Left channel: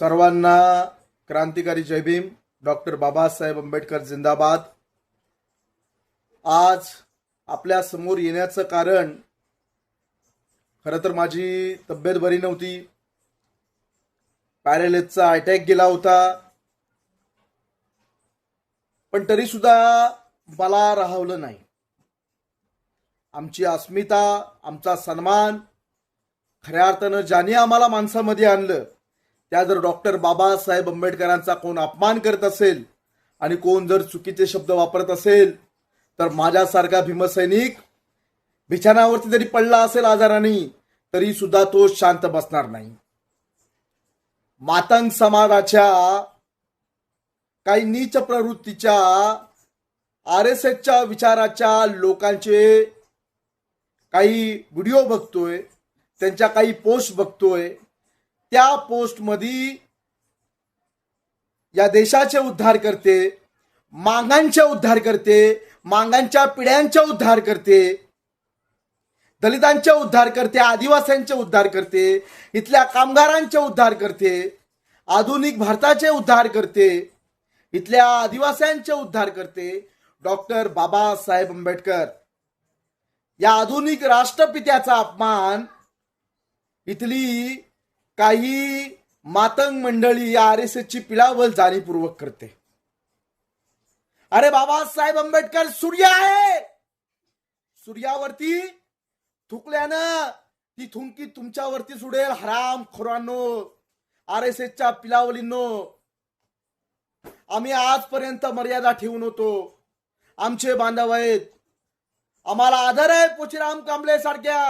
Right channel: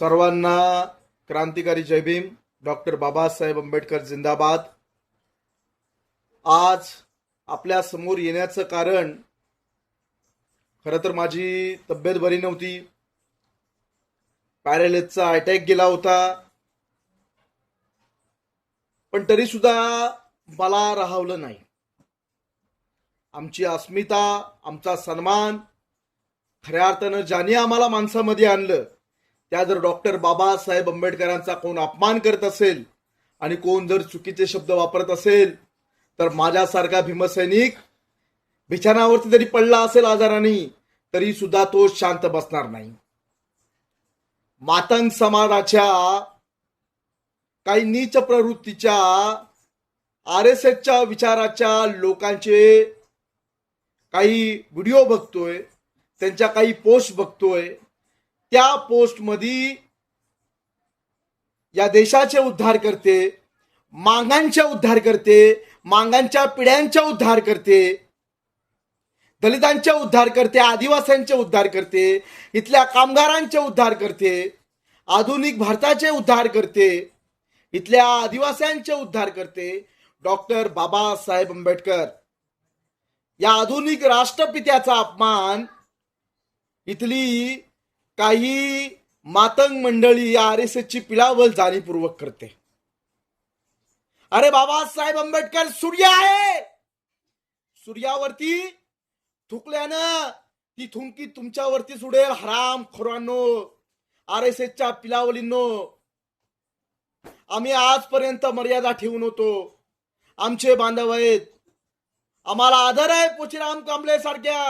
सर्वांना क्रांतिकारी जय भीम. डॉक्टर बाबासाहेब आंबेडकर जिंदाबाद. आज आपल्या समोर येण्याचं कारण, खरं तर माझी तब्येत बरी नव्हती. पॅरालिसिसचा अटॅक गेला होता, पण तरी सुद्धा मला राहवलं नाही. आमची अस्मिता, आमचा सन्मान, खऱ्या अर्थानं ज्याने आम्हाला माणसामध्ये आणलं, त्या जर डॉक्टर बाबासाहेब आंबेडकरांचा कोण अपमान करत असेल आणि कोण जर चुकीचे शब्द वापरत असेल, तर माझ्यासारखा भीमसैनिक बिछाणावरती जरी पडला असेल आजाराने, तरी सुद्धा तो शांत बसणार नाही. मातंग समाजाच्या काही नीच प्रवृत्तीच्या, RSSच्या विचाराच्या लोकांचे काही व्हिडिओ बघतोय, त्यांच्या काही पोस्ट बघतोय. त्या पोस्टमध्ये या देशाचे उद्धार करते, मागांचे उद्धार करते, मागांच्या पिढ्यांचे उद्धार करते, दलितांचे उद्धार करते, आदिवासींचे उद्धार करते, इथल्या कामगारांचे उद्धार करते, आधुनिक भारताचे उद्धार करते, इथल्या आदिवासींचे उद्धार करते. डॉक्टर बाबासाहेब आंबेडकर या आधुनिक राष्ट्रपित्याचा अपमान इथली काही मातंग मंडळी या RSSची पिलावल जाणीवपूर्वक करते. अरे बाबासाहेब आंबेडकर सूर्य आहे. सूर्यावरती थुकल्यानं ती थुंकी तुमच्यावरती सुडेल. हराम खोरांनो, RSSच्या पिलावलींनो, आम्ही आजपर्यंत मर्यादा ठेवून होतो. आमचे बांधव आहेत, आम्हाला आदर आहे पोचीराम कांबळे सारख्या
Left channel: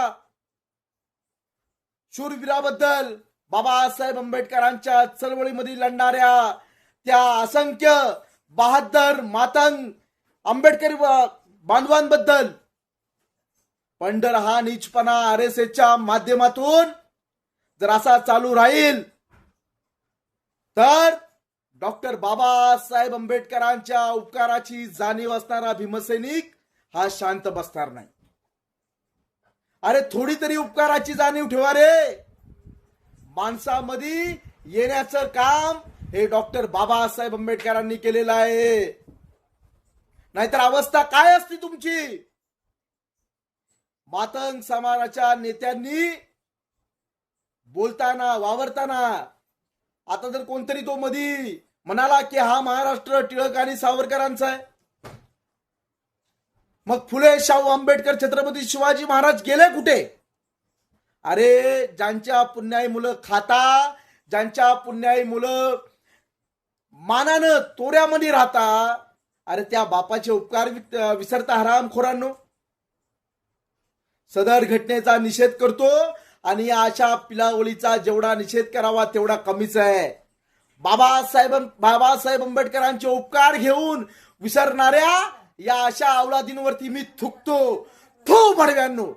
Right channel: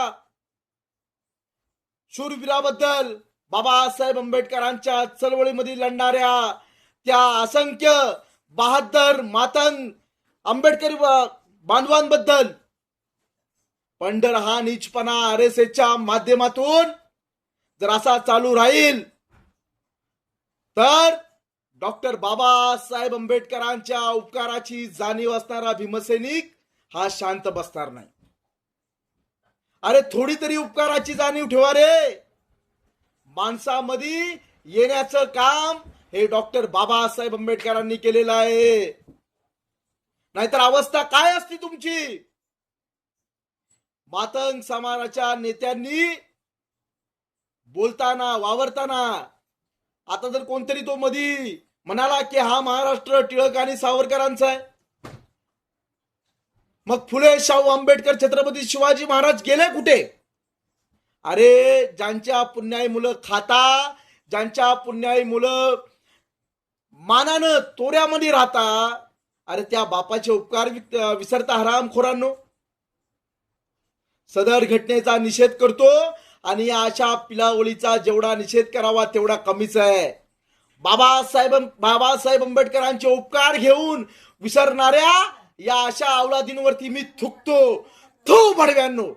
शूरवीराबद्दल. बाबासाहेब आंबेडकरांच्या चळवळीमध्ये लढणाऱ्या त्या असंख्य बहादर मातंग आंबेडकरी बांधवांबद्दल. पण जर हा नीचपणा RSSच्या माध्यमातून जर असा चालू राहील, तर डॉक्टर बाबासाहेब आंबेडकरांच्या उपकाराची जाणीव असणारा भीमसैनिक हा शांत बसणार नाही. अरे थोडी तरी उपकाराची जाणीव ठेवा रे. माणसामध्ये येण्याचं काम हे डॉक्टर बाबासाहेब आंबेडकरांनी केलेलं आहे. नाहीतर अवस्था काय असती तुमची. मातंग समाजाच्या नेत्यांनी बोलताना, वावरताना, आता जर कोणतरी तो मधी म्हणाला की हा महाराष्ट्र टिळक आणि सावरकरांचा आहे, मग फुले, शाहू आंबेडकर, छत्रपती शिवाजी महाराज गेले कुठे? अरे ज्यांच्या पुण्याई मुलं खाता, ज्यांच्या पुण्याई मुलं मानानं तोऱ्यामध्ये राहता, अरे त्या बापाचे उपकार विसरता हरामखोरांनो. सदर घटनेचा निषेध करतो आणि अशा पिलावळीचा जेवढा निषेध करावा तेवढा कमीच आहे. बाबासाहेब आंबेडकरांचे उपकार घेऊन विसरणाऱ्या या अशा अवलादींवरती मी थुकतो. थू भडव्यांनो.